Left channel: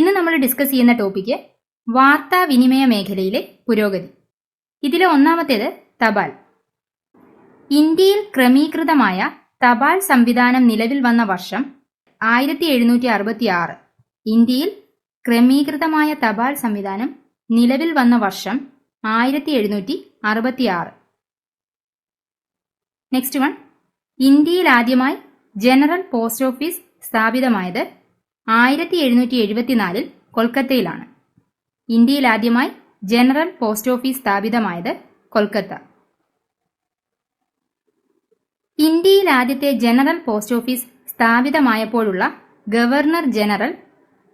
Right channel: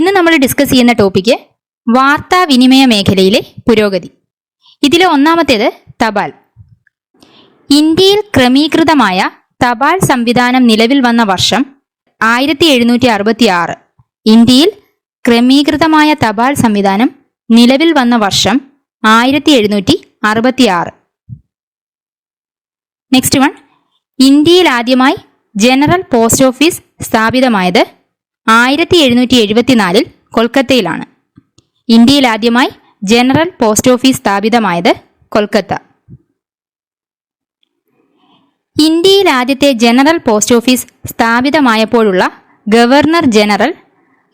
ഇന്ന് നമ്മൾ ഡിസ്കസ് ചെയ്യുന്ന ടോപ്പിക്ക് വാർത്താവിനിമയ മേഖലയിലെ പുരോഗതി. ഇതിലെ ഒന്നാമത്തേത് തപാൽ. ഇന്ത്യയിൽ ക്രമീകൃതമായ തപാൽ സംവിധാനം നിലവിൽ വന്ന വർഷം ആയിരത്തി എഴുന്നൂറ്റി അറുപത്തി ആറ് ഇന്ത്യയിൽ ക്രമീകൃതമായ തപാൽ സംവിധാനം നിലവിൽ വന്ന വർഷം ആയിരത്തി എഴുന്നൂറ്റി അറുപത്തി ആറ് നെക്സ്റ്റ് വൺ ഇന്ത്യയിൽ ആദ്യമായി ജനറൽ പോസ്റ്റ് ഓഫീസ് സ്ഥാപിതമായത് ആയിരത്തി എഴുന്നൂറ്റി എഴുപത്തിനാലിൽ കൊൽക്കത്തയിലാണ്. ഇന്ത്യയിൽ ആദ്യമായി ജനറൽ പോസ്റ്റ് ഓഫീസ് സ്ഥാപിതമായത് കൊൽക്കത്ത. ഇന്ത്യയിൽ ആദ്യത്തെ ജനറൽ പോസ്റ്റ് ഓഫീസ് സ്ഥാപിതമായപ്പോഴുള്ള ഗവർണർ ജനറൽ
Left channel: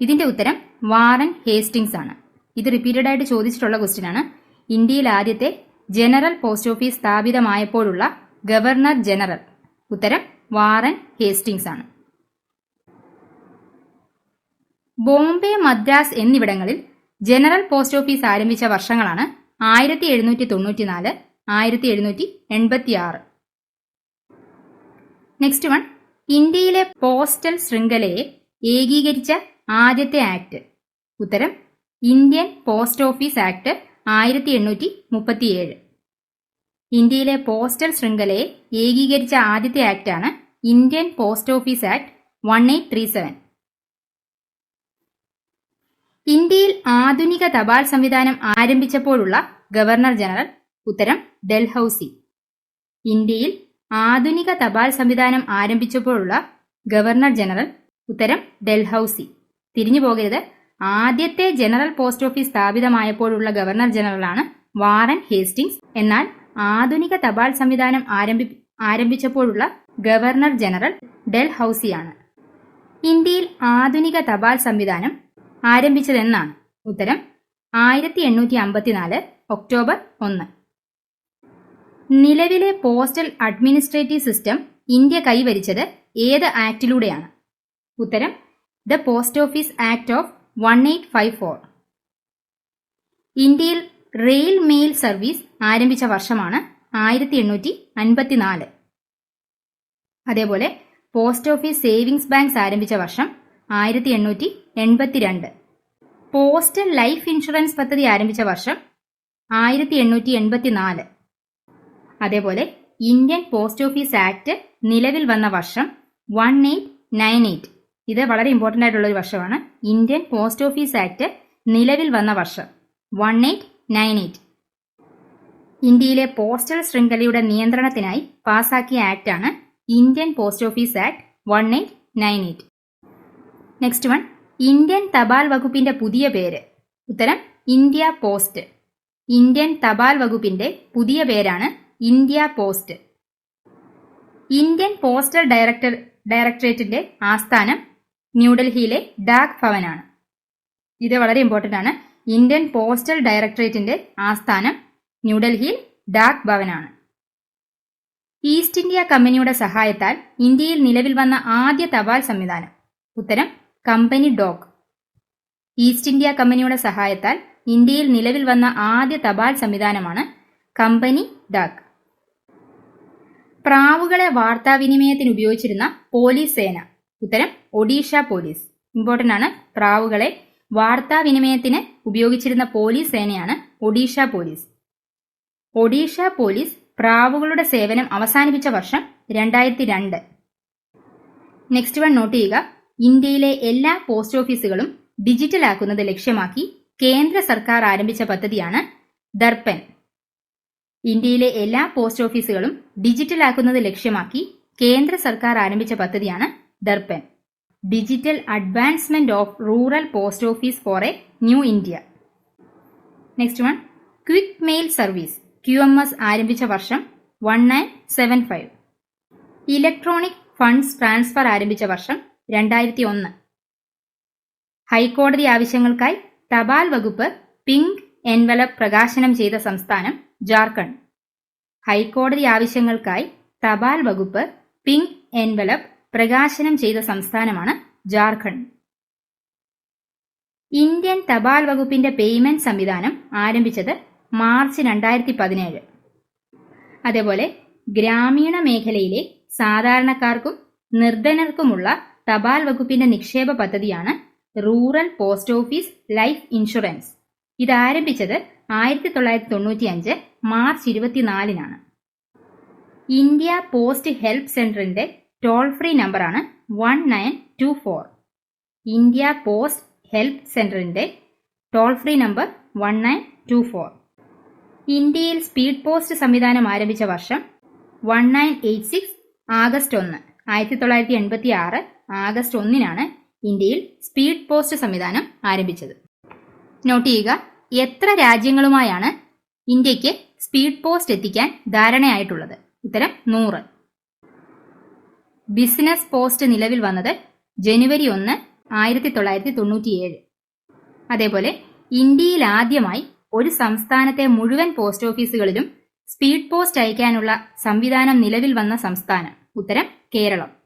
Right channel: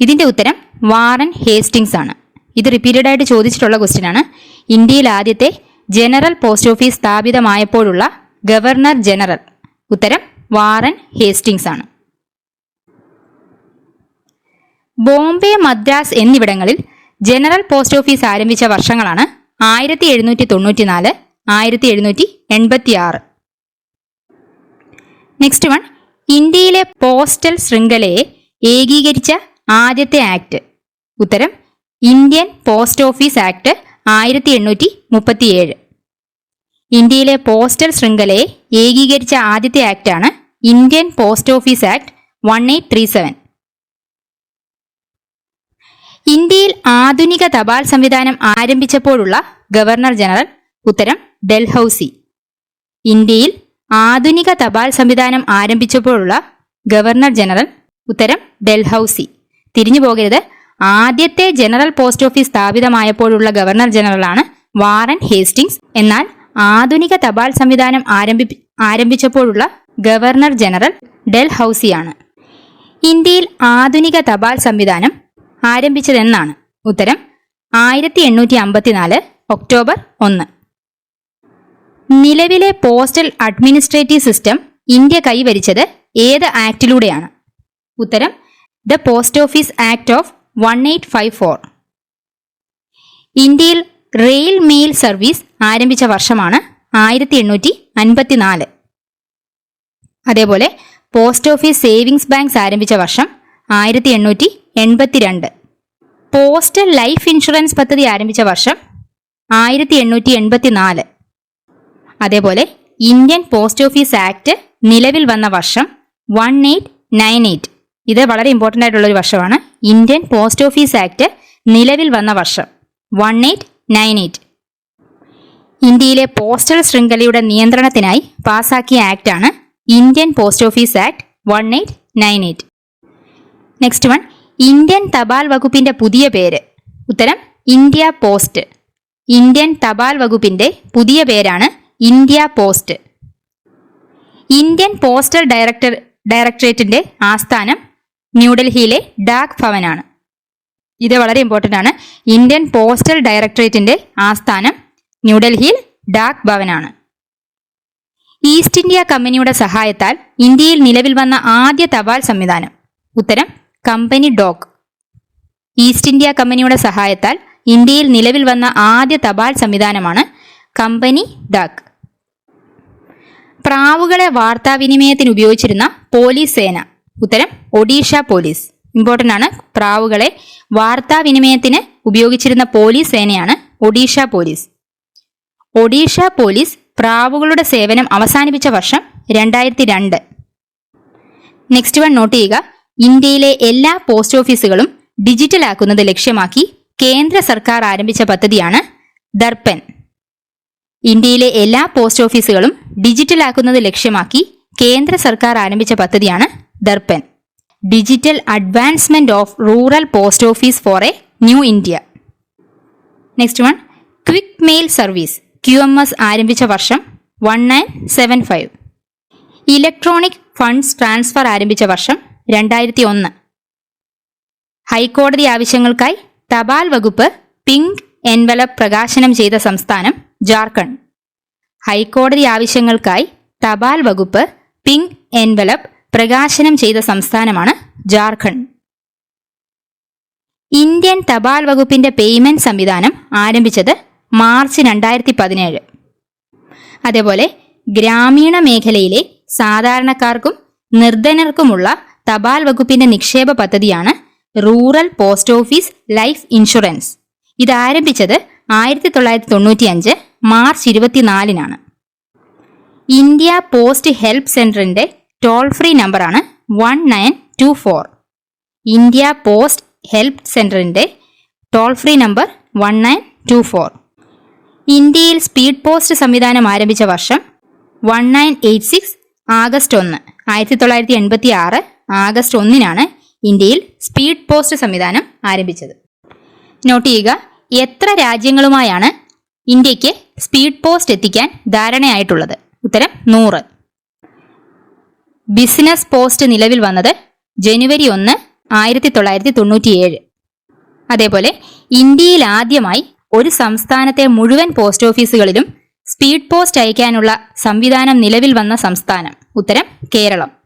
ഇതിന്റെ ഉത്തരം വാറൻ ഹേസ്റ്റിങ്സ് ആണ്. ഇത് റിപ്പീറ്റഡ് ആയിട്ട് ചോദിച്ചിട്ടുള്ള ക്വസ്റ്റ്യൻ ആണ്. ഇന്ത്യയിൽ ആദ്യത്തെ ജനറൽ പോസ്റ്റ് ഓഫീസ് സ്ഥാപിതമായപ്പോഴുള്ള ഗവർണർ ജനറൽ ഉത്തരം വാറൻ ഹേസ്റ്റിങ്സ് ആണ്. ബോംബെ മദ്രാസ് എന്നിവിടങ്ങളിൽ ജനറൽ പോസ്റ്റ് ഓഫീസ് ആരംഭിച്ച വർഷങ്ങളാണ് ആയിരത്തി എഴുന്നൂറ്റി തൊണ്ണൂറ്റിനാല് ആയിരത്തി എഴുന്നൂറ്റി എൺപത്തി ആറ് നെക്സ്റ്റ് വൺ ഇന്ത്യയിലെ പോസ്റ്റൽ ശൃംഖലയെ ഏകീകരിച്ച ആദ്യത്തെ ആക്ട്. ഉത്തരം ഇന്ത്യൻ പോസ്റ്റ് ഓഫീസ് ആക്ട് ആയിരത്തി എണ്ണൂറ്റി മുപ്പത്തിയേഴ് ഇന്ത്യയിലെ പോസ്റ്റൽ ശൃംഖലയെ ഏകീകരിച്ച ആദ്യത്തെ ആക്ടാണ് Indian post office act one eight three seven. ഇന്ത്യയിൽ ആധുനിക തപാൽ സംവിധാനം ആരംഭിച്ചപ്പോഴുള്ള ഗവർണർ ജനറൽ ഉത്തരം ഡൽഹൌസി. ഇന്ത്യയിൽ ആധുനിക തപാൽ സംവിധാനം ആരംഭിച്ചപ്പോഴുള്ള ഗവർണർ ജനറൽ ഉത്തരം ഡൽഹൌസി. തിരിഞ്ഞു പോകരുത്. ആദ്യത്തെ ജനറൽ പോസ്റ്റ് ഓഫീസ് സ്ഥാപിതമായപ്പോഴുള്ള ഗവർണർ ജനറലാണ് വാറൻ ഹേസ്റ്റിങ്സ് എന്നാൽ ആധുനിക തപാൽ സംവിധാനം ആരംഭി ആരംഭിച്ചപ്പോഴുള്ള ഗവർണർ ജനറൽ ഡൽഹൌസിയാണ്. ഇന്ത്യയിൽ ആധുനിക തപാൽ സംവിധാനം ആരംഭിച്ചതെന്നാണ് ഉത്തരം ആയിരത്തി എണ്ണൂറ്റി അമ്പത്തിനാല് ഒക്ടോബർ ഒന്ന്. നിലവിലെ പോസ്റ്റൽ അഡ്മിനിസ്ട്രേറ്റീവ് സിസ്റ്റം ഇന്ത്യ കൈവരിച്ചത് ഏത് ആക്ടിലൂടെയാണ്? ഉത്തരം the post office act of one eight five four. ഇന്ത്യയിൽ റെയിൽ മെയിൽ സർവീസ് ആരംഭിച്ച വർഷമാണ് ആയിരത്തി എണ്ണൂറ്റി അൻപത്തിനാല് അതേപോലെ പോസ്റ്റ് ഓഫീസ് സേവിങ്സ് ബാങ്ക്സ് ആരംഭിച്ച വർഷം ആയിരത്തി എണ്ണൂറ്റി എൺപത്തിരണ്ട് പോസ്റ്റൽ ലൈഫ് ഇൻഷുറൻസ് പദ്ധതി ആരംഭിച്ച വർഷം ആയിരത്തി എണ്ണൂറ്റി എൺപത്തി നാല് അതേപോലെ ഇന്ത്യൻ പോസ്റ്റ് ഓഫീസ് ആക്ട് നിലവിൽ വന്ന വർഷം വൺ എയ്റ്റ് നയൻ എയ്റ്റ്. ഇത് വളരെ ഇമ്പോർട്ടന്റ് ആയിട്ടുള്ള ഒരു വർഷമാണ്. ഇന്ത്യൻ പോസ്റ്റ് ഓഫീസ് ആക്ട് നിലവിൽ വന്ന വർഷം വൺ എയ്റ്റ് നയൻ എയ്റ്റ്. ഇന്ത്യയിലെ പോസ്റ്റൽ ശൃംഖലയുടെ നിയന്ത്രണത്തിനായി പാസാക്കിയ ആണ് Indian post office act one eight nine eight. Next one Indian തപാൽ വകുപ്പിന്റെ പുതിയ പേര്. ഉത്തരം ഇന്ത്യ പോസ്റ്റ്. ഇന്ത്യൻ തപാൽ വകുപ്പിന്റെ പുതിയ പേരാണ് India post. Indian postal director ഡയറക്ടറേറ്റിന്റെ ആസ്ഥാനം ന്യൂഡൽഹിയിലെ ഡാക് ഭവനാണ്. ഇത് വളരെ ഇമ്പോർട്ടന്റ് ആണ്. ഇന്ത്യൻ പോസ്റ്റൽ ഡയറക്ടറേറ്റിന്റെ ആസ്ഥാനം ന്യൂഡൽഹിയിൽ ഡാക് ഭവനാണ്. ഈസ്റ്റ് ഇന്ത്യ കമ്പനിയുടെ സഹായത്താൽ ഇന്ത്യയിൽ നിലവിൽ വന്ന ആദ്യ തപാൽ സംവിധാനം. ഉത്തരം കമ്പനി ഡോഗ് ഈസ്റ്റ് ഇന്ത്യ കമ്പനിയുടെ സഹായത്താൽ ഇന്ത്യയിൽ നിലവിൽ വന്ന ആദ്യ തപാൽ സംവിധാനമാണ് കമ്പനി ഡാക്. പ്രാവുകളെ വാർത്താവിനിമയത്തിന് ഉപയോഗിച്ചിരുന്ന പോലീസ് സേന. ഉത്തരം ഒഡീഷ പോലീസ്. ഇമ്പോർട്ടന്റ് ആണ് പ്രാവുകളെ വാർത്താവിനിമയത്തിന് ഉപയോഗിച്ചിരുന്ന പോലീസ് സേനയാണ് ഒഡീഷ പോലീസ്. ഒഡീഷ പോലീസ് പ്രാവുകളുടെ സേവനം അവസാനിപ്പിച്ച വർഷം രണ്ടായിരത്തി രണ്ട്. നെക്സ്റ്റ് വൺ നോട്ട് ചെയ്യുക. ഇന്ത്യയിലെ എല്ലാ പോസ്റ്റ് ഓഫീസുകളും ഡിജിറ്റലാക്കുന്നത് ലക്ഷ്യമാക്കി കേന്ദ്ര സർക്കാർ ആരംഭിച്ച പദ്ധതിയാണ് ദർപ്പൻ. ഇന്ത്യയിലെ എല്ലാ പോസ്റ്റ് ഓഫീസുകളും ഡിജിറ്റലാക്കുന്നത് ലക്ഷ്യമാക്കി കേന്ദ്ര സർക്കാർ ആരംഭിച്ച പദ്ധതിയാണ് Darpan. Digital advancement of rural post office for a new India. Next one quick mail service Q M S ആരംഭിച്ച വർഷം one nine seven five. Electronic funds transfer ആരംഭിച്ച വർഷം രണ്ടായിരത്തി ഒന്ന് ഹൈക്കോടതി ആവശ്യങ്ങൾക്കായി തപാൽ വകുപ്പ് പിങ്ക് എൻവലപ്പ് പ്രകാശനം ചെയ്ത സംസ്ഥാനം ജാർഖണ്ഡ്. ഹൈക്കോടതി ആവശ്യങ്ങൾക്കായി തപാൽ വകുപ്പ് പിങ്ക് എൻവലപ്പ് പ്രകാശനം ചെയ്ത സംസ്ഥാനമാണ് ജാർഖണ്ഡ്. ഇന്ത്യൻ തപാൽ വകുപ്പിന്റെ പേയ്മെന്റ് സംവിധാനം ആരംഭിച്ചത് മാർച്ച് രണ്ടായിരത്തി പതിനേഴ് അതേപോലെ ഗ്രാമീണ മേഖലയിലെ സാധാരണക്കാർക്കും നിർധനർക്കുമുള്ള തപാൽ വകുപ്പിന്റെ നിക്ഷേപ പദ്ധതിയാണ് rural post office life insurance. ഇത് ആരംഭിച്ചത് ആയിരത്തി തൊള്ളായിരത്തി തൊണ്ണൂറ്റി അഞ്ച് മാർച്ച് ഇരുപത്തിനാലിനാണ്. ഇന്ത്യ പോസ്റ്റ് ഹെൽപ്പ് സെന്ററിന്റെ ടോൾ ഫ്രീ നമ്പറാണ് one nine two four. India post help സെന്ററിന്റെ toll free number one nine two four. ഇന്ത്യയിൽ സ്പീഡ് പോസ്റ്റ് സംവിധാനം ആരംഭിച്ച വർഷം one nine eight six August ഒന്ന് ആയിരത്തി തൊള്ളായിരത്തി എൺപത്തി ആറ് ആഗസ്റ്റ് ഒന്നിനാണ് ഇന്ത്യയിൽ സ്പീഡ് പോസ്റ്റ് സംവിധാനം ആരംഭിച്ചത്. നോട്ട് ചെയ്യുക എത്ര രാജ്യങ്ങളുമായാണ് ഇന്ത്യയ്ക്ക് സ്പീഡ് പോസ്റ്റ് എത്തിക്കാൻ ധാരണയായിട്ടുള്ളത്? ഉത്തരം നൂറ്. ബിസിനസ് പോസ്റ്റ് നിലവിൽ വന്നത് ജനുവരി ഒന്ന് ആയിരത്തി തൊള്ളായിരത്തി തൊണ്ണൂറ്റിയേഴ് അതേപോലെ ഇന്ത്യയിൽ ആദ്യമായി ഒരു സംസ്ഥാനത്തെ മുഴുവൻ പോസ്റ്റ് ഓഫീസുകളിലും സ്പീഡ് പോസ്റ്റ് അയക്കാനുള്ള സംവിധാനം നിലവിൽ വന്ന സംസ്ഥാനം. ഉത്തരം കേരളം.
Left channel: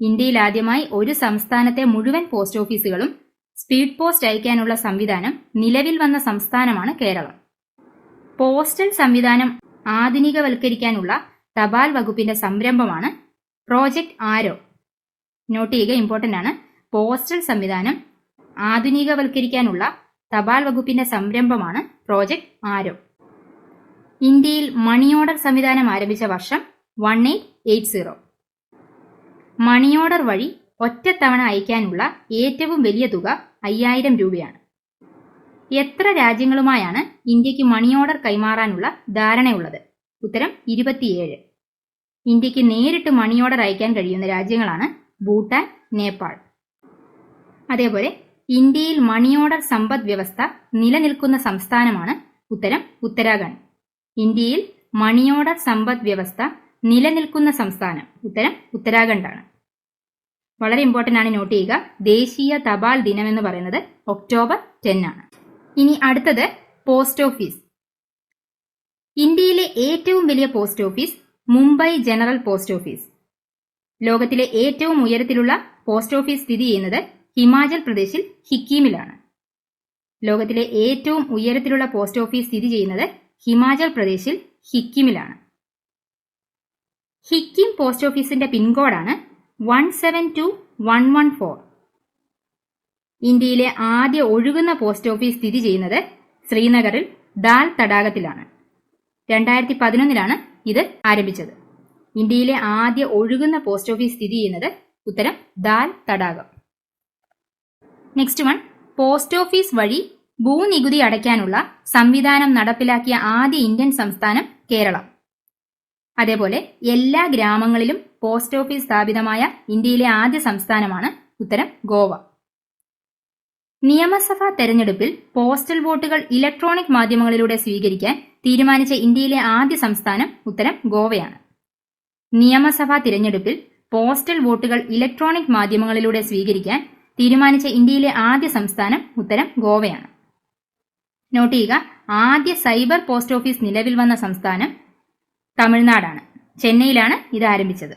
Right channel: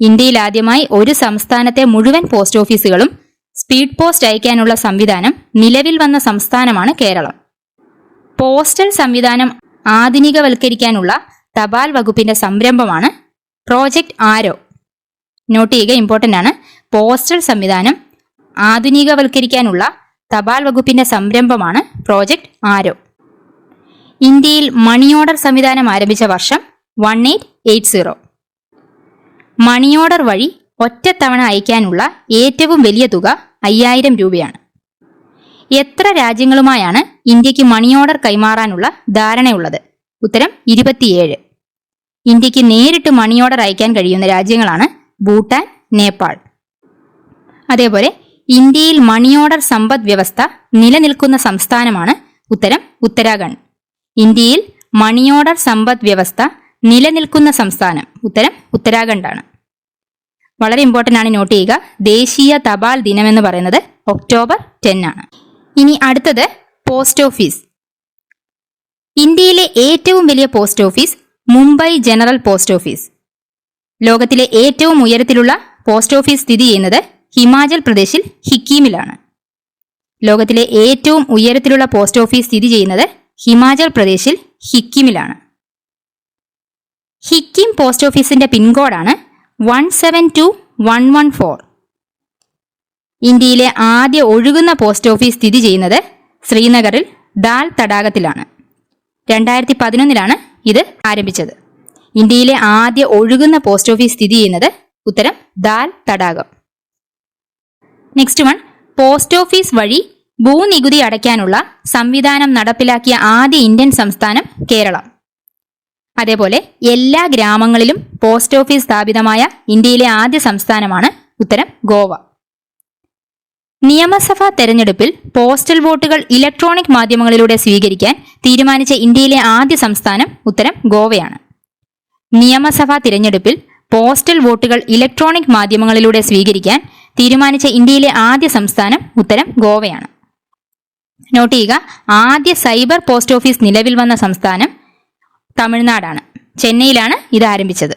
ഇന്ത്യയിൽ ആദ്യമായി ഒരു സംസ്ഥാനത്തെ മുഴുവൻ പോസ്റ്റ് ഓഫീസുകളും സ്പീഡ് പോസ്റ്റ് അയക്കാനുള്ള സംവിധാനം നിലവിൽ വന്ന സംസ്ഥാനമാണ് കേരളം. പോസ്റ്റൽ സംവിധാനം ആധുനികവൽക്കരിക്കാനുള്ള തപാൽ വകുപ്പിന്റെ സംരംഭമാണ് പ്രോജക്റ്റ് ആരോ. നോട്ട് ചെയ്യുക ഇമ്പോർട്ടന്റ് ആണ്. പോസ്റ്റൽ സംവിധാനം ആധുനികവൽക്കരിക്കാനുള്ള തപാൽ വകുപ്പിന്റെ സംരംഭമാണ് പ്രോജക്റ്റ് ആരോ. ഇന്ത്യയിൽ മണി ഓർഡർ സംവിധാനം ആരംഭിച്ച വർഷം one eight eight zero money order വഴി ഒറ്റത്തവണ അയക്കാനുള്ള ഏറ്റവും വലിയ തുക അയ്യായിരം രൂപയാണ്. എത്ര രാജ്യങ്ങളുമായാണ് ഇന്ത്യയ്ക്ക് മണി ഓർഡർ കൈമാറാനുള്ള ധാരണയുള്ളത്? ഉത്തരം ഇരുപത്തിയേഴ്. ഇന്ത്യയ്ക്ക് നേരിട്ട് മണി ഓർഡർ അയക്കാൻ കഴിയുന്ന രാജ്യങ്ങളാണ് ഭൂട്ടാൻ നേപ്പാൾ. അതേപോലെ ഇന്ത്യയിൽ മണി ഓർഡർ സമ്പദ് വ്യവസ്ഥ നിലനിൽക്കുന്ന സംസ്ഥാനമാണ് ഉത്തരം ഉത്തരാഖണ്ഡ്. ഇന്ത്യയിൽ മണി ഓർഡർ സമ്പദ് വ്യവസ്ഥ നിലനിൽക്കുന്ന സംസ്ഥാനം. ഉത്തരം ഉത്തരാഖണ്ഡാണ്. വളരെ ഇമ്പോർട്ടന്റ് ആണ് നോട്ട് ചെയ്യുക. ദേശീയ തപാൽ ദിനം എന്ന് പറയുന്നത് ഒക്ടോബർ ടെൻ ആണ്. ഇനി അടുത്തത് പോസ്റ്റ് ഓഫീസ് ഇന്ത്യയിലെ ഏറ്റവും വലിയ post office Mumbai general post office ലോകത്തിലെ ഏറ്റവും ഉയരത്തിലുള്ള പോസ്റ്റ് ഓഫീസ് സ്ഥിതി ചെയ്യുന്നത് ഹിമാചൽ പ്രദേശിൽ ഹിക്കീമിലാണ്. ലോകത്തിലെ ഏറ്റവും ഉയരത്തിലുള്ള പോസ്റ്റ് ഓഫീസ് സ്ഥിതി ചെയ്യുന്നത് ഹിമാചൽ പ്രദേശിൽ ഹിക്കിമിലാണ്. ഹിക്കിം പോസ്റ്റ് ഓഫീസിന്റെ പിൻകോഡാണ് one seven two one one four. ഇന്ത്യയിലെ ആദ്യ ഒഴുകുന്ന പോസ്റ്റ് ഓഫീസ് സ്ഥിതി ചെയ്യുന്നത് ശ്രീനഗറിൽ ദാൽ തടാകത്തിലാണ്. രണ്ടായിരത്തി പതിനൊന്നിലാണ് ഇത് ആരംഭിച്ചത്. ഇന്ത്യയിലെ ആദ്യ ഒഴുകുന്ന പോസ്റ്റ് ഓഫീസ് സ്ഥിതി ചെയ്യുന്നത് ഉത്തരം ദാൽ തടാകം. നെക്സ്റ്റ് വൺ പോസ്റ്റ് ഓഫീസ് വഴി ഭൂനികുതി അടയ്ക്കാനുള്ള സംവിധാനം നടപ്പിലാക്കിയ ആദ്യ ഇന്ത്യൻ സംസ്ഥാനം കേരളം. അതേപോലെ എല്ലാ ഗ്രാമങ്ങളിലും പോസ്റ്റ് ഓഫീസ് സ്ഥാപിതമായ ഇന്ത്യയിലെ ആദ്യ സംസ്ഥാനമാണ് ഉത്തരം ഗോവ. നിയമസഭാ തെരഞ്ഞെടുപ്പിൽ പോസ്റ്റൽ വോട്ടുകൾ ഇലക്ട്രോണിക് മാധ്യമങ്ങളിലൂടെ സ്വീകരിക്കാൻ തീരുമാനിച്ച ഇന്ത്യയിലെ ആദ്യ സംസ്ഥാനം ഉത്തരം ഗോവയാണ്. നിയമസഭാ തിരഞ്ഞെടുപ്പിൽ പോസ്റ്റൽ വോട്ടുകൾ ഇലക്ട്രോണിക് മാധ്യമങ്ങളിലൂടെ സ്വീകരിക്കാൻ തീരുമാനിച്ച ഇന്ത്യയിലെ ആദ്യ സംസ്ഥാനം ഉത്തരം ഗോവയാണ്. നോട്ട് ചെയ്യുക ആദ്യ സൈബർ പോസ്റ്റ് ഓഫീസ് നിലവിൽ വന്ന സംസ്ഥാനം തമിഴ്നാടാണ്. ചെന്നൈയിലാണ് ഇത് ആരംഭിച്ചത്.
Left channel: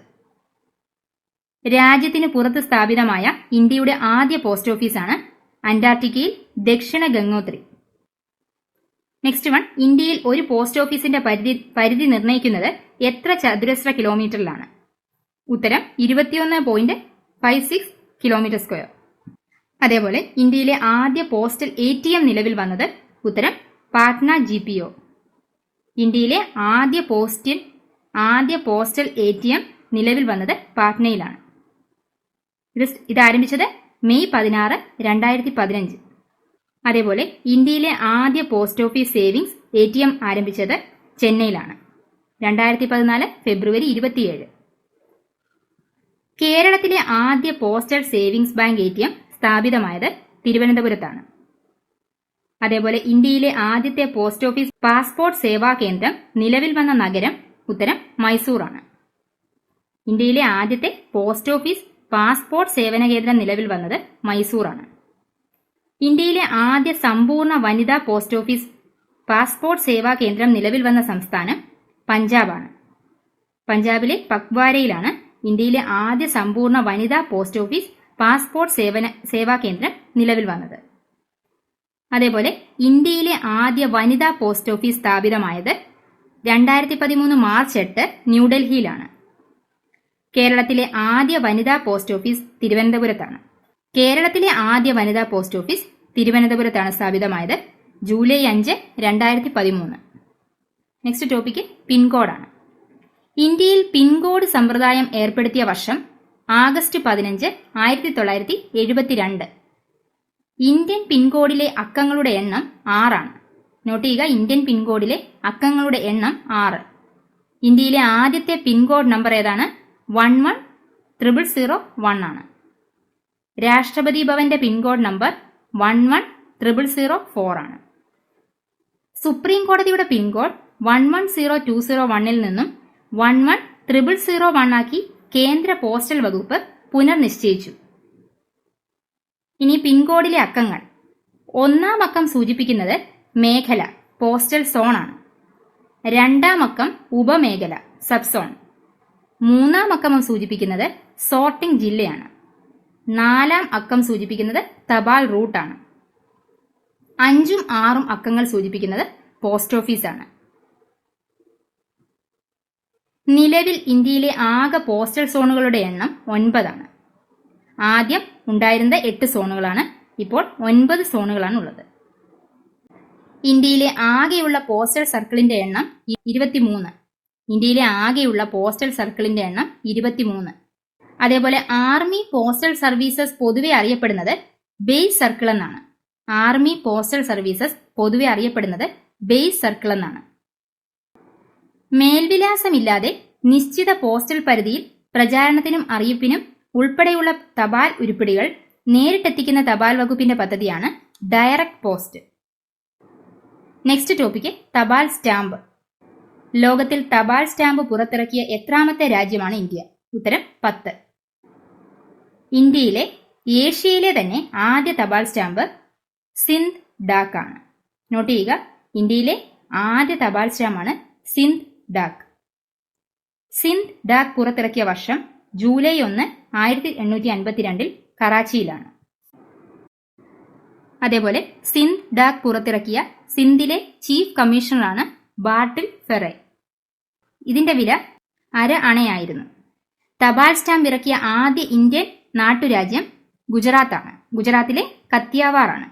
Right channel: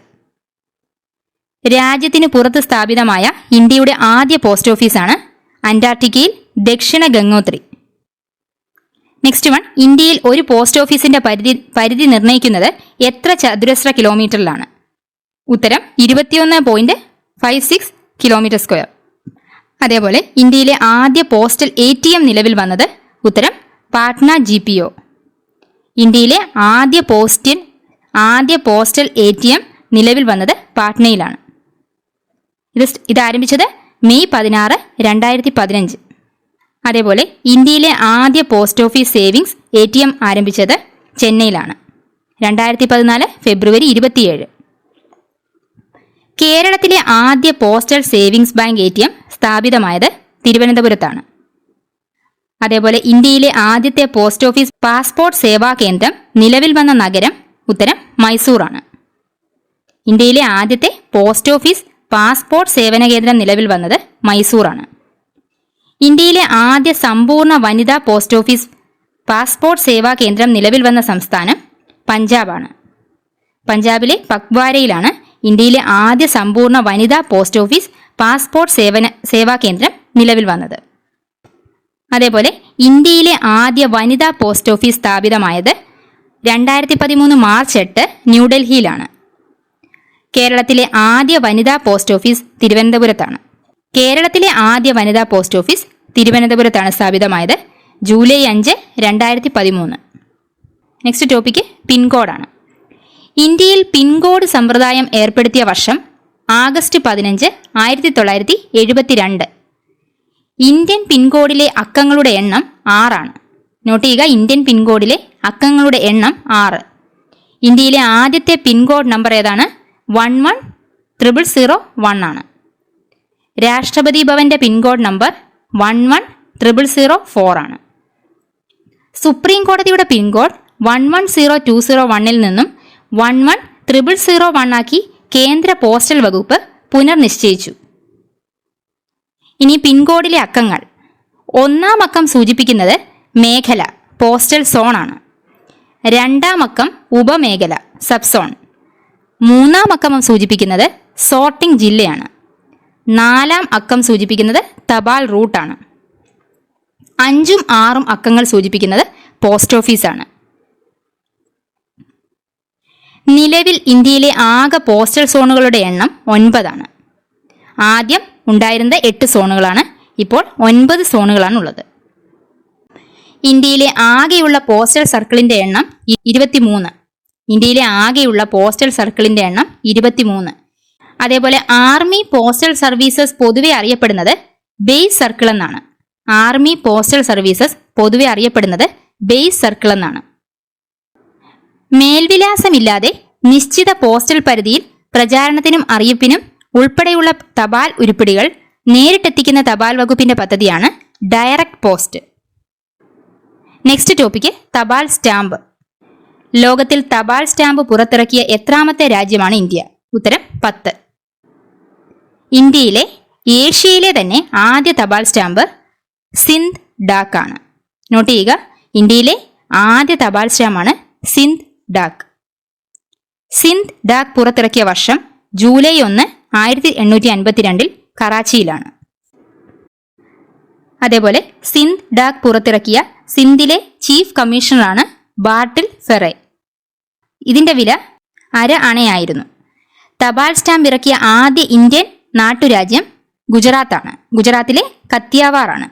രാജ്യത്തിന് പുറത്ത് സ്ഥാപിതമായ ഇന്ത്യയുടെ ആദ്യ പോസ്റ്റ് ഓഫീസാണ് അന്റാർട്ടിക്കയിൽ ദക്ഷിണ ഗംഗോത്രി. നെക്സ്റ്റ് വൺ ഇന്ത്യയിൽ ഒരു പോസ്റ്റ് ഓഫീസിന്റെ പരിധി പരിധി നിർണയിക്കുന്നത് എത്ര ചതുരശ്ര കിലോമീറ്ററിലാണ്? ഉത്തരം ഇരുപത്തിയൊന്ന് point five six kilometre square അതേപോലെ ഇന്ത്യയിലെ ആദ്യ പോസ്റ്റൽ എ നിലവിൽ വന്നത് ഉത്തരം പാട്ന ജി ഇന്ത്യയിലെ ആദ്യ പോസ്റ്റൽ ആദ്യ പോസ്റ്റൽ എ ടി എം നിലവിൽ വന്നത് പാട്നയിലാണ്. ഇത് ഇത് ആരംഭിച്ചത് മെയ് പതിനാറ് രണ്ടായിരത്തി പതിനഞ്ച് അതേപോലെ ഇന്ത്യയിലെ ആദ്യ post office savings A T M ആരംഭിച്ചത് ചെന്നൈയിലാണ്. രണ്ടായിരത്തി പതിനാല് ഫെബ്രുവരി ഇരുപത്തിയേഴ്. കേരളത്തിലെ ആദ്യ postal savings bank A T M സ്ഥാപിതമായത് തിരുവനന്തപുരത്താണ്. അതേപോലെ ഇന്ത്യയിലെ ആദ്യത്തെ പോസ്റ്റ് ഓഫീസ് പാസ്പോർട്ട് സേവാ കേന്ദ്രം നിലവിൽ വന്ന നഗരം ഉത്തരം മൈസൂറാണ്. ഇന്ത്യയിലെ ആദ്യത്തെ പോസ്റ്റ് ഓഫീസ് പാസ്പോർട്ട് സേവന കേന്ദ്രം നിലവിൽ വന്നത് മൈസൂറാണ്. ഇന്ത്യയിലെ ആദ്യ സമ്പൂർണ വനിതാ പോസ്റ്റ് ഓഫീസ് പാസ്പോർട്ട് സേവാ കേന്ദ്രം നിലവിൽ വന്ന സംസ്ഥാനം പഞ്ചാബാണ്. പഞ്ചാബിലെ പക്വാരയിലാണ് ഇന്ത്യയിലെ ആദ്യ സമ്പൂർണ വനിതാ പോസ്റ്റ് ഓഫീസ് പാസ്പോർട്ട് സേവന സേവാ കേന്ദ്രം നിലവിൽ വന്നത്. അതേപോലെ ഇന്ത്യയിലെ ആദ്യ വനിതാ പോസ്റ്റ് ഓഫീസ് സ്ഥാപിതമായത് രണ്ടായിരത്തി പതിമൂന്ന് മാർച്ച് എട്ട് ന്യൂഡൽഹിയിലാണ്. കേരളത്തിലെ ആദ്യ വനിതാ പോസ്റ്റ് ഓഫീസ് തിരുവനന്തപുരത്താണ്. കേരളത്തിലെ ആദ്യ വനിതാ പോസ്റ്റ് ഓഫീസ് തിരുവനന്തപുരത്താണ് സ്ഥാപിതമായത് ജൂലൈ അഞ്ച് രണ്ടായിരത്തി പതിമൂന്ന് നെക്സ്റ്റ് ടോപ്പിക്ക് പിൻകോഡാണ്. ഇന്ത്യയിൽ പിൻകോഡ് സമ്പ്രദായം ഏർപ്പെടുത്തിയ വർഷം ആഗസ്റ്റ് പതിനഞ്ച് ആയിരത്തി തൊള്ളായിരത്തി എഴുപത്തിരണ്ട്. ഇന്ത്യൻ പിൻകോഡിലെ അക്കങ്ങളുടെ എണ്ണം ആറാണ്. നോട്ട് ചെയ്യുക ഇന്ത്യൻ പിൻകോഡിലെ അക്കങ്ങളുടെ എണ്ണം ആറ്. ഇന്ത്യയിലെ ആദ്യത്തെ പിൻകോഡ് നമ്പർ ഏതാണ്? One one triple zero one ആണ്. രാഷ്ട്രപതി ഭവന്റെ pin code number one one triple zero four ആണ്. സുപ്രീം കോടതിയുടെ pin code one one zero two zero വണ്ണിൽ നിന്നും one one triple zero one ആക്കി കേന്ദ്ര പോസ്റ്റൽ വകുപ്പ് പുനർനിശ്ചയിച്ചു. ഇനി പിൻകോഡിലെ അക്കങ്ങൾ. ഒന്നാം അക്കം സൂചിപ്പിക്കുന്നത് മേഖല പോസ്റ്റൽ സോണാണ് രണ്ടാം അക്കം ഉപമേഖല സബ് സോൺ മൂന്നാം അക്കം സൂചിപ്പിക്കുന്നത് സോർട്ടിംഗ് ജില്ലയാണ്. നാലാം അക്കം സൂചിപ്പിക്കുന്നത് തപാൽ റൂട്ടാണ് അഞ്ചും ആറും അക്കങ്ങൾ സൂചിപ്പിക്കുന്നത് പോസ്റ്റ് ഓഫീസാണ് നിലവിൽ ഇന്ത്യയിലെ ആകെ പോസ്റ്റൽ സോണുകളുടെ എണ്ണം ഒൻപതാണ്. ആദ്യം ഉണ്ടായിരുന്നത് എട്ട് സോണുകളാണ്. ഇപ്പോൾ ഒൻപത് സോണുകളാണ് ഉള്ളത് ഇന്ത്യയിലെ ആകെയുള്ള പോസ്റ്റൽ സർക്കിളിന്റെ എണ്ണം ഇരുപത്തിമൂന്ന്. ഇന്ത്യയിലെ ആകെയുള്ള പോസ്റ്റൽ സർക്കിളിന്റെ എണ്ണം ഇരുപത്തിമൂന്ന്. അതേപോലെ ആർമി പോസ്റ്റൽ സർവീസസ് പൊതുവെ അറിയപ്പെടുന്നത് ബേസ് സർക്കിൾ എന്നാണ്. ആർമി പോസ്റ്റൽ സർവീസസ് പൊതുവെ അറിയപ്പെടുന്നത് ബേസ് സർക്കിൾ എന്നാണ്. മേൽവിലാസമില്ലാതെ നിശ്ചിത പോസ്റ്റൽ പരിധിയിൽ പ്രചാരണത്തിനും അറിയിപ്പിനും ഉൾപ്പെടെയുള്ള തപാൽ ഉരുപ്പിടികൾ നേരിട്ടെത്തിക്കുന്ന തപാൽ വകുപ്പിന്റെ പദ്ധതിയാണ് ഡയറക്ട് പോസ്റ്റ്. നെക്സ്റ്റ് ടോപ്പിക്ക് തപാൽ സ്റ്റാമ്പ്. ലോകത്തിൽ തപാൽ സ്റ്റാമ്പ് പുറത്തിറക്കിയ എത്രാമത്തെ രാജ്യമാണ് ഇന്ത്യ? ഉത്തരം പത്ത്. ഇന്ത്യയിലെ ഏഷ്യയിലെ തന്നെ ആദ്യ തപാൽ സ്റ്റാമ്പ് സിന്ധ് ഡാക്ക് ആണ്. നോട്ട് ചെയ്യുക ഇന്ത്യയിലെ ആദ്യ തപാൽ സ്റ്റാമ്പാണ് സിന്ധ് ഡാക്ക്. സിന്ധ് ഡാക്ക് പുറത്തിറക്കിയ വർഷം ജൂലൈ ഒന്ന് ആയിരത്തി എണ്ണൂറ്റി അൻപത്തിരണ്ടിൽ കറാച്ചിയിലാണ്. അതേപോലെ സിന്ധ് ഡാക് പുറത്തിറക്കിയ സിന്ധിലെ ചീഫ് കമ്മീഷണറാണ് ബാർട്ടിൽ ഫെറെ. ഇതിന്റെ വില അര അണയായിരുന്നു. തപാൽ സ്റ്റാമ്പ് ഇറക്കിയ ആദ്യ ഇന്ത്യൻ നാട്ടുരാജ്യം ഗുജറാത്താണ്. ഗുജറാത്തിലെ കത്തിയാവാറാണ്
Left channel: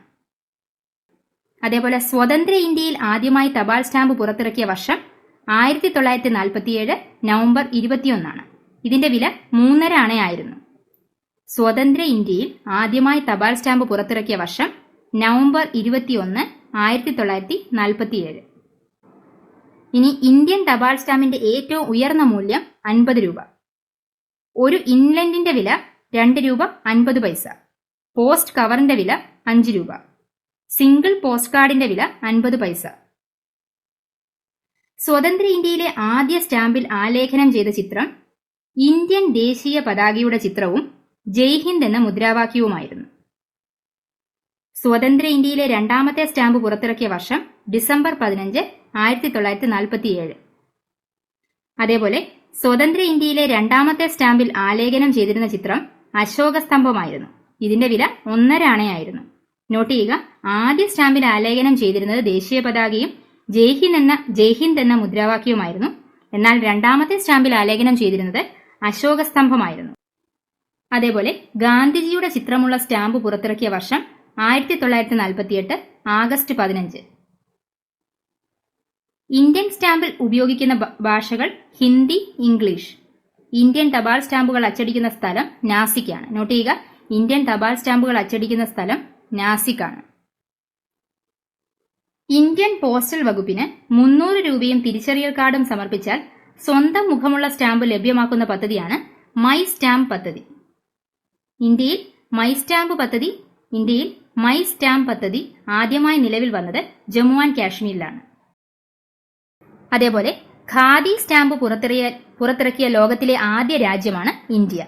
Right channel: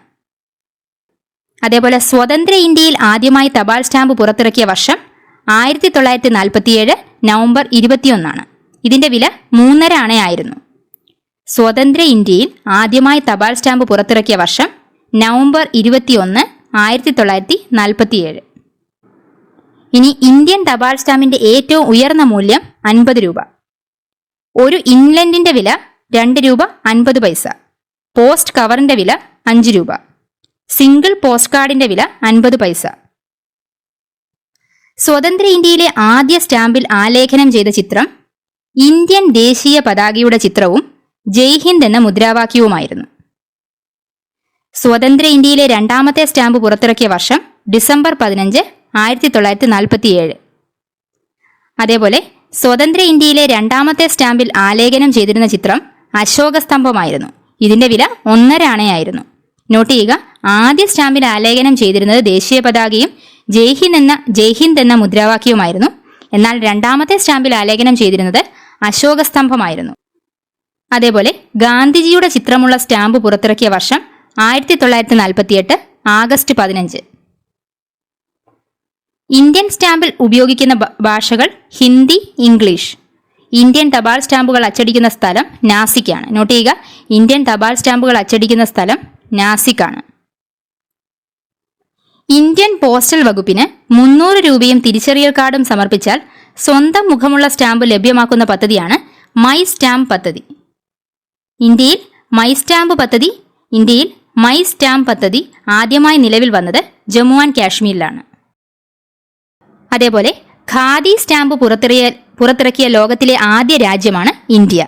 അതേപോലെ സ്വതന്ത്ര ഇന്ത്യയിൽ ആദ്യമായി തപാൽ സ്റ്റാമ്പ് പുറത്തിറക്കിയ വർഷം ആയിരത്തി തൊള്ളായിരത്തി നാൽപ്പത്തിയേഴ് നവംബർ ഇരുപത്തിയൊന്നാണ്. ഇതിന്റെ വില മൂന്നര അണയായിരുന്നു. സ്വതന്ത്ര ഇന്ത്യയിൽ ആദ്യമായി തപാൽ സ്റ്റാമ്പ് പുറത്തിറക്കിയ വർഷം നവംബർ ഇരുപത്തിയൊന്ന് ആയിരത്തി തൊള്ളായിരത്തി നാൽപ്പത്തിയേഴ് ഇനി ഇന്ത്യൻ തപാൽ സ്റ്റാമ്പിന്റെ ഏറ്റവും ഉയർന്ന മൂല്യം അൻപത് രൂപ. ഒരു ഇൻലൻഡിന്റെ വില രണ്ട് രൂപ അൻപത് പൈസ. പോസ്റ്റ് കവറിന്റെ വില അഞ്ച് രൂപ. സിംഗിൾ പോസ്റ്റ് കാർഡിന്റെ വില അൻപത് പൈസ. സ്വതന്ത്ര ഇന്ത്യയിലെ ആദ്യ സ്റ്റാമ്പിൽ ആലേഖനം ചെയ്ത ചിത്രം ഇന്ത്യൻ ദേശീയ പതാകയുടെ ചിത്രവും ജയ് ഹിന്ദ് എന്ന മുദ്രാവാക്യവുമായിരുന്നു. സ്വതന്ത്ര ഇന്ത്യയിലെ രണ്ടാമത്തെ സ്റ്റാമ്പ് പുറത്തിറക്കിയ വർഷം ഡിസംബർ പതിനഞ്ച് ആയിരത്തി തൊള്ളായിരത്തി നാൽപ്പത്തിയേഴ് അതേപോലെ സ്വതന്ത്ര ഇന്ത്യയിലെ രണ്ടാമത്തെ സ്റ്റാമ്പിൽ ആലേഖനം ചെയ്തിരുന്ന ചിത്രം അശോക സ്തംഭമായിരുന്നു. ഇതിന്റെ വില ഒന്നര അണയായിരുന്നു. നോട്ട് ചെയ്യുക ആദ്യ സ്റ്റാമ്പിൽ ആലേഖനം ചെയ്തിരുന്നത് ദേശീയ പതാകയും ജയ്ഹിന്ദ് എന്ന ജയ്ഹിന്ദ് എന്ന മുദ്രാവാക്യവുമായിരുന്നു. എന്നാൽ രണ്ടാമത്തെ സ്റ്റാമ്പിൽ ആലേഖനം ചെയ്തിരുന്നത് അശോക സ്തംഭമായിരുന്നു അതേപോലെ ഗാന്ധിജിയുടെ ചിത്രമുള്ള സ്റ്റാമ്പ് പുറത്തിറക്കിയ വർഷം ആയിരത്തി തൊള്ളായിരത്തി നാൽപ്പത്തിയെട്ട് ആഗസ്റ്റ് പതിനഞ്ച്. ഇന്ത്യൻ സ്റ്റാമ്പിൽ ഉപയോഗിക്കുന്ന ഭാഷകൾ ഹിന്ദി ഇംഗ്ലീഷ്. ഇന്ത്യൻ തപാൽ സ്റ്റാമ്പുകൾ അച്ചടിക്കുന്ന സ്ഥലം നാസിക്കാണ്. നോട്ട് ചെയ്യുക ഇന്ത്യൻ തപാൽ സ്റ്റാമ്പുകൾ അച്ചടിക്കുന്ന സ്ഥലം നാസിക്കാണ്. ഇന്ത്യൻ പോസ്റ്റൽ വകുപ്പിന് മുന്നൂറ് രൂപയും തിരിച്ചറിയൽ കാർഡും സമർപ്പിച്ചാൽ സ്വന്തം മുഖമുള്ള സ്റ്റാമ്പ് ലഭ്യമാക്കുന്ന പദ്ധതിയാണ് മൈ സ്റ്റാമ്പ് പദ്ധതി. ഇന്ത്യയിൽ മൈ സ്റ്റാമ്പ് പദ്ധതി ഇന്ത്യയിൽ മൈ സ്റ്റാമ്പ് പദ്ധതി ആദ്യമായി നിലവിൽ വന്നത് ജമ്മു ആൻഡ് കാശ്മീരിലാണ്. അതേപോലെ ഖാദി സ്റ്റാമ്പ് പുറത്തിറിയ പുറത്തിറക്കിയ ലോകത്തിലെ ആദ്യ രാജ്യമാണ് ഇന്ത്യ.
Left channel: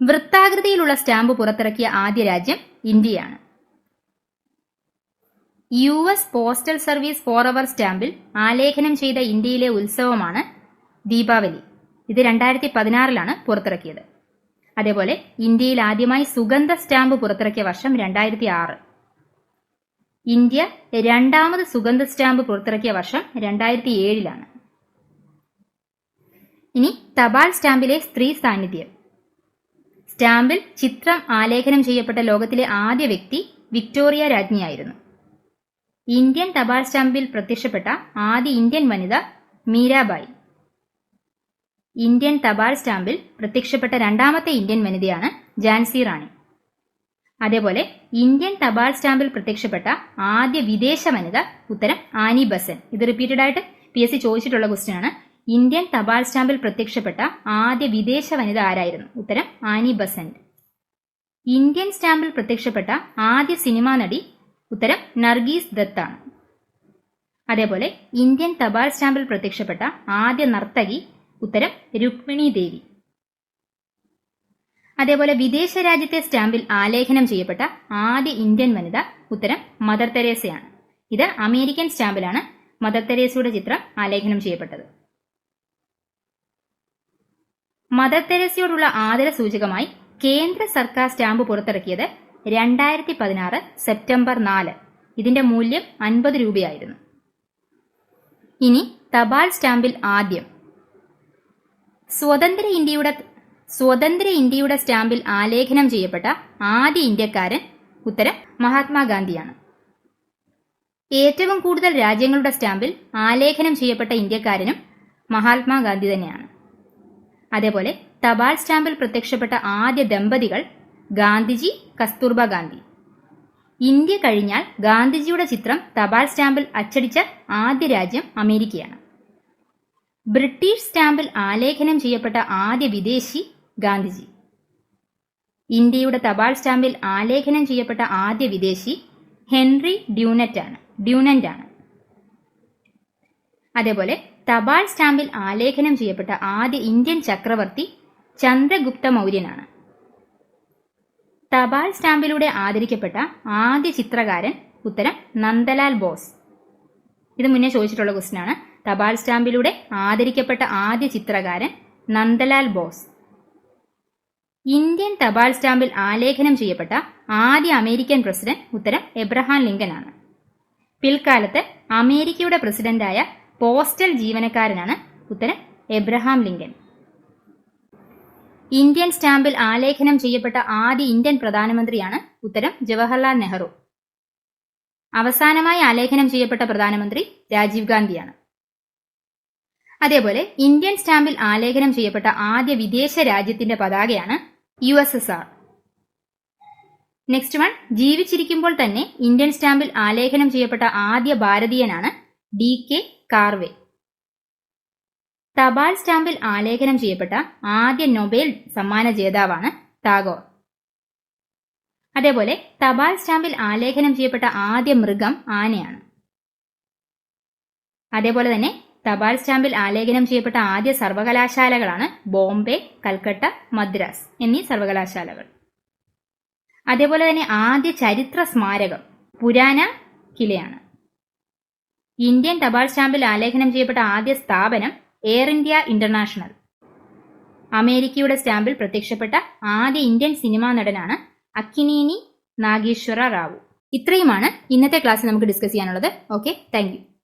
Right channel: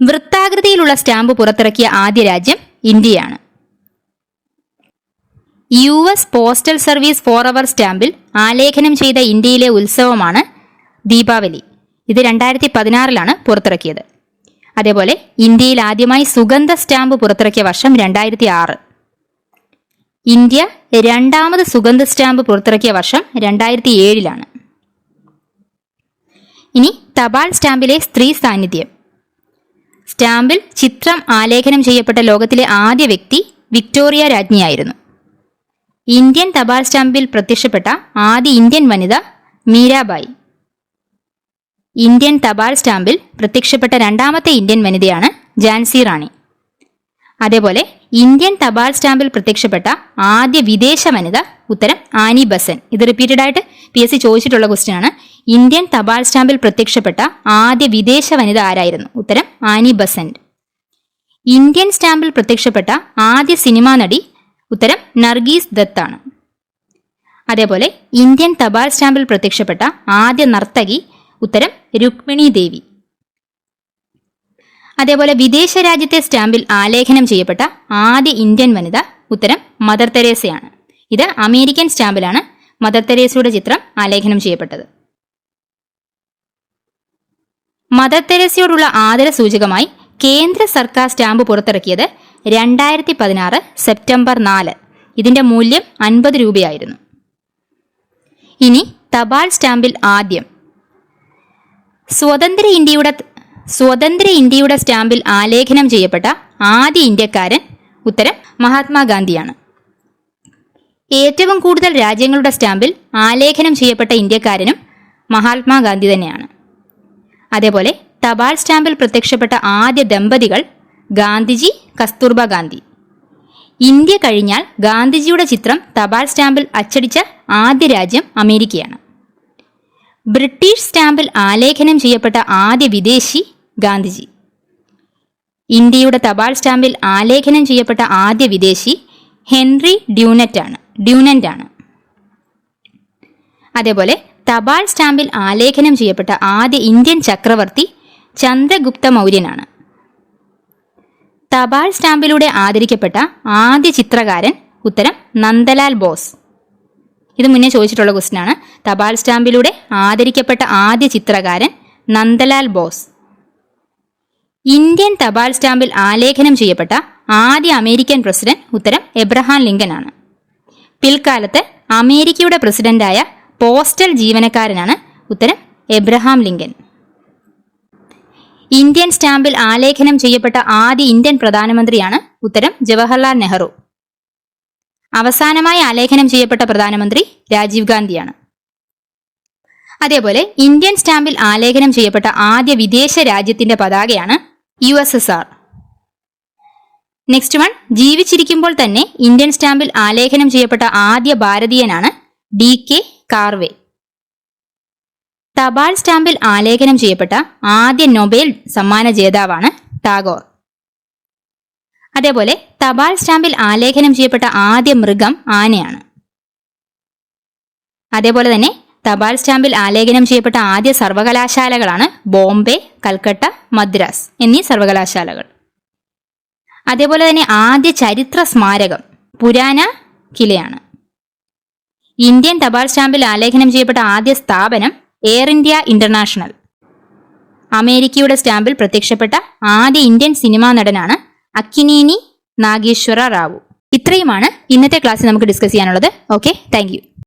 വൃത്താകൃതിയിലുള്ള സ്റ്റാമ്പ് പുറത്തിറക്കിയ ആദ്യ രാജ്യം ഇന്ത്യയാണ്. U S postal service for our സ്റ്റാമ്പിൽ ആലേഖനം ചെയ്ത ഇന്ത്യയിലെ ഉത്സവമാണ് ദീപാവലി. ഇത് രണ്ടായിരത്തി പതിനാറിലാണ് പുറത്തിറക്കിയത്. അതേപോലെ ഇന്ത്യയിൽ ആദ്യമായി സുഗന്ധ സ്റ്റാമ്പ് പുറത്തിറക്കിയ വർഷം രണ്ടായിരത്തി ആറ് ഇന്ത്യ രണ്ടാമത് സുഗന്ധ സ്റ്റാമ്പ് പുറത്തിറക്കിയ വർഷം രണ്ടായിരത്തി ഏഴിലാണ് ഇനി തപാൽ സ്റ്റാമ്പിലെ സ്ത്രീ സാന്നിധ്യം. സ്റ്റാമ്പിൽ ചിത്രം ആലേഖനം ചെയ്യപ്പെട്ട ലോകത്തിലെ ആദ്യ വ്യക്തി വിക്ടോറിയ രാജ്ഞിയായിരുന്നു. ഇന്ത്യൻ തപാൽ സ്റ്റാമ്പിൽ പ്രത്യക്ഷപ്പെട്ട ആദ്യ ഇന്ത്യൻ വനിത മീരാബായി. ഇന്ത്യൻ തപാൽ സ്റ്റാമ്പിൽ പ്രത്യക്ഷപ്പെട്ട രണ്ടാമത്തെ ഇന്ത്യൻ വനിതയാണ് ജാൻസി റാണി. അതേപോലെ ഇന്ത്യൻ തപാൽ സ്റ്റാമ്പിൽ പ്രത്യക്ഷപ്പെട്ട ആദ്യ വിദേശ വനിത ഉത്തരം ആനി ബസൻ. ഇത് റിപ്പീറ്റഡ് ആയിട്ട് പി എസ് സി ചോദിച്ചിട്ടുള്ള ക്വസ്റ്റ്യൻ ആണ്. ഇന്ത്യൻ തപാൽ സ്റ്റാമ്പിൽ പ്രത്യക്ഷപ്പെട്ട ആദ്യ വിദേശ വനിത ആരായിരുന്നു? ഉത്തരം ആനി ബസൻ. ഇന്ത്യൻ സ്റ്റാമ്പിൽ പ്രത്യക്ഷപ്പെട്ട ആദ്യ സിനിമാ നടി ഉത്തരം നർഗീസ് ദത്താണ് അതേപോലെ ഇന്ത്യൻ തപാൽ സ്റ്റാമ്പിൽ പ്രത്യക്ഷപ്പെട്ട ആദ്യ നർത്തകി ഉത്തരം രുക്മിണി ദേവി. അതേപോലെ വിദേശ രാജ്യത്തെ സ്റ്റാമ്പിൽ ആലേഖനം ചെയ്യപ്പെട്ട ആദ്യ ഇന്ത്യൻ വനിത ഉത്തരം മദർ തെരേസയാണ്. ഇത് അമേരിക്കൻ സ്റ്റാമ്പിലാണ് മദർ തെരേസയുടെ ചിത്രം ആലേഖനം ചെയ്യപ്പെട്ടത്. മദർ തെരേസയോടുള്ള ആദര സൂചകമായി കേന്ദ്ര സർക്കാർ സ്റ്റാമ്പ് പുറത്തിറക്കിയത് രണ്ടായിരത്തി പതിനാറ് സെപ്റ്റംബർ നാല്. ഇതിന്റെ മൂല്യം അൻപത് രൂപയായിരുന്നു. ഇനി തപാൽ സ്റ്റാമ്പിൽ ആദ്യം സ്വതന്ത്ര ഇന്ത്യയുടെ സ്വതന്ത്ര ഇന്ത്യയുടെ സ്റ്റാമ്പിൽ ആലേഖനം ചെയ്യപ്പെട്ട ആദ്യ ഇന്ത്യക്കാരൻ ഉത്തരം മഹാത്മാഗാന്ധിയാണ്. ഏറ്റവും കൂടുതൽ രാജ്യങ്ങളുടെ സ്റ്റാമ്പിൽ ആലേഖനം ചെയ്യപ്പെട്ട ഇന്ത്യക്കാരനും മഹാത്മാഗാന്ധി തന്നെയാണ്. അതേപോലെ തപാൽ സ്റ്റാമ്പിൽ പ്രത്യക്ഷപ്പെട്ട ആദ്യ ദമ്പതികൾ ഗാന്ധിജി കസ്തൂർബ ഗാന്ധി. ഇന്ത്യ കഴിഞ്ഞാൽ ഗാന്ധിജിയുടെ ചിത്രം തപാൽ സ്റ്റാമ്പിൽ അച്ചടിച്ച ആദ്യ രാജ്യം അമേരിക്കയാണ്. ബ്രിട്ടീഷ് സ്റ്റാമ്പിൽ ആലേഖനം ചെയ്യപ്പെട്ട ആദ്യ വിദേശി ഗാന്ധിജി. ഇന്ത്യയുടെ തപാൽ സ്റ്റാമ്പിൽ ആലേഖനം ചെയ്യപ്പെട്ട ആദ്യ വിദേശി ഹെൻറി ഡ്യൂനറ്റ് ആണ് ഡ്യൂനന്റ് ആണ് അതേപോലെ തപാൽ സ്റ്റാമ്പിൽ ആലേഖനം ചെയ്യപ്പെട്ട ആദ്യ ഇന്ത്യൻ ചക്രവർത്തി ചന്ദ്രഗുപ്ത മൗര്യനാണ്. തപാൽ സ്റ്റാമ്പിലൂടെ ആദരിക്കപ്പെട്ട ആദ്യ ചിത്രകാരൻ ഉത്തരം നന്ദലാൽ ബോസ്. ഇത് മുന്നേ ചോദിച്ചിട്ടുള്ള ക്വസ്റ്റ്യൻ ആണ് തപാൽ സ്റ്റാമ്പിലൂടെ ആദരിക്കപ്പെട്ട ആദ്യ ചിത്രകാരൻ നന്ദലാൽ ബോസ്. ഇന്ത്യൻ തപാൽ സ്റ്റാമ്പിൽ ആലേഖനം ചെയ്യപ്പെട്ട ആദ്യ അമേരിക്കൻ പ്രസിഡന്റ് ഉത്തരം എബ്രഹാം ലിങ്കൻ ആണ് പിൽക്കാലത്ത് അമേരിക്കയുടെ പ്രസിഡന്റായ പോസ്റ്റൽ ജീവനക്കാരനാണ് ഉത്തരം എബ്രഹാം ലിങ്കൻ. ഇന്ത്യൻ സ്റ്റാമ്പിൽ ആലേഖനം ചെയ്യപ്പെട്ട ആദ്യ ഇന്ത്യൻ പ്രധാനമന്ത്രിയാണ് ഉത്തരം ജവഹർലാൽ നെഹ്റു. അവസാനമായി ആലേഖനം ചെയ്യപ്പെട്ട പ്രധാനമന്ത്രി രാജീവ് ഗാന്ധിയാണ്. അതേപോലെ ഇന്ത്യൻ സ്റ്റാമ്പിൽ ആലേഖനം ചെയ്യപ്പെട്ട ആദ്യ വിദേശ രാജ്യത്തിന്റെ പതാകയാണ് U S S R. Next one ജീവിച്ചിരിക്കുമ്പോൾ തന്നെ ഇന്ത്യൻ സ്റ്റാമ്പിൽ ആലേഖനം ചെയ്യപ്പെട്ട ആദ്യ ഭാരതീയനാണ് ഡി കെ കാർവേ. തപാൽ സ്റ്റാമ്പിൽ ആലേഖനം ചെയ്യപ്പെട്ട ആദ്യ നൊബേൽ സമ്മാന ജേതാവാണ് ടാഗോർ. അതേപോലെ തപാൽ സ്റ്റാമ്പിൽ ആലേഖനം ചെയ്യപ്പെട്ട ആദ്യ മൃഗം ആനയാണ്. അതേപോലെ തന്നെ തപാൽ സ്റ്റാമ്പിൽ ആലേഖനം ചെയ്യപ്പെട്ട ആദ്യ സർവകലാശാലകളാണ് ബോംബെ കൽക്കട്ട മദ്രാസ് എന്നീ സർവകലാശാലകൾ. അതേപോലെ തന്നെ ആദ്യ ചരിത്ര സ്മാരകം പുരാന കിലയാണ്. ഇന്ത്യൻ തപാൽ സ്റ്റാമ്പിൽ ആലേഖനം ചെയ്യപ്പെട്ട ആദ്യ സ്ഥാപനം എയർ ഇന്ത്യ ഇന്റർനാഷണൽ. അമേരിക്കയുടെ സ്റ്റാമ്പിൽ പ്രത്യക്ഷപ്പെട്ട ആദ്യ ഇന്ത്യൻ സിനിമാ നടനാണ് അക്കിനീനി നാഗേശ്വര റാവു. ഇത്രയുമാണ് ഇന്നത്തെ ക്ലാസ്സിൽ നമുക്ക് ഡിസ്കസ് ചെയ്യാനുള്ളത്. Okay thank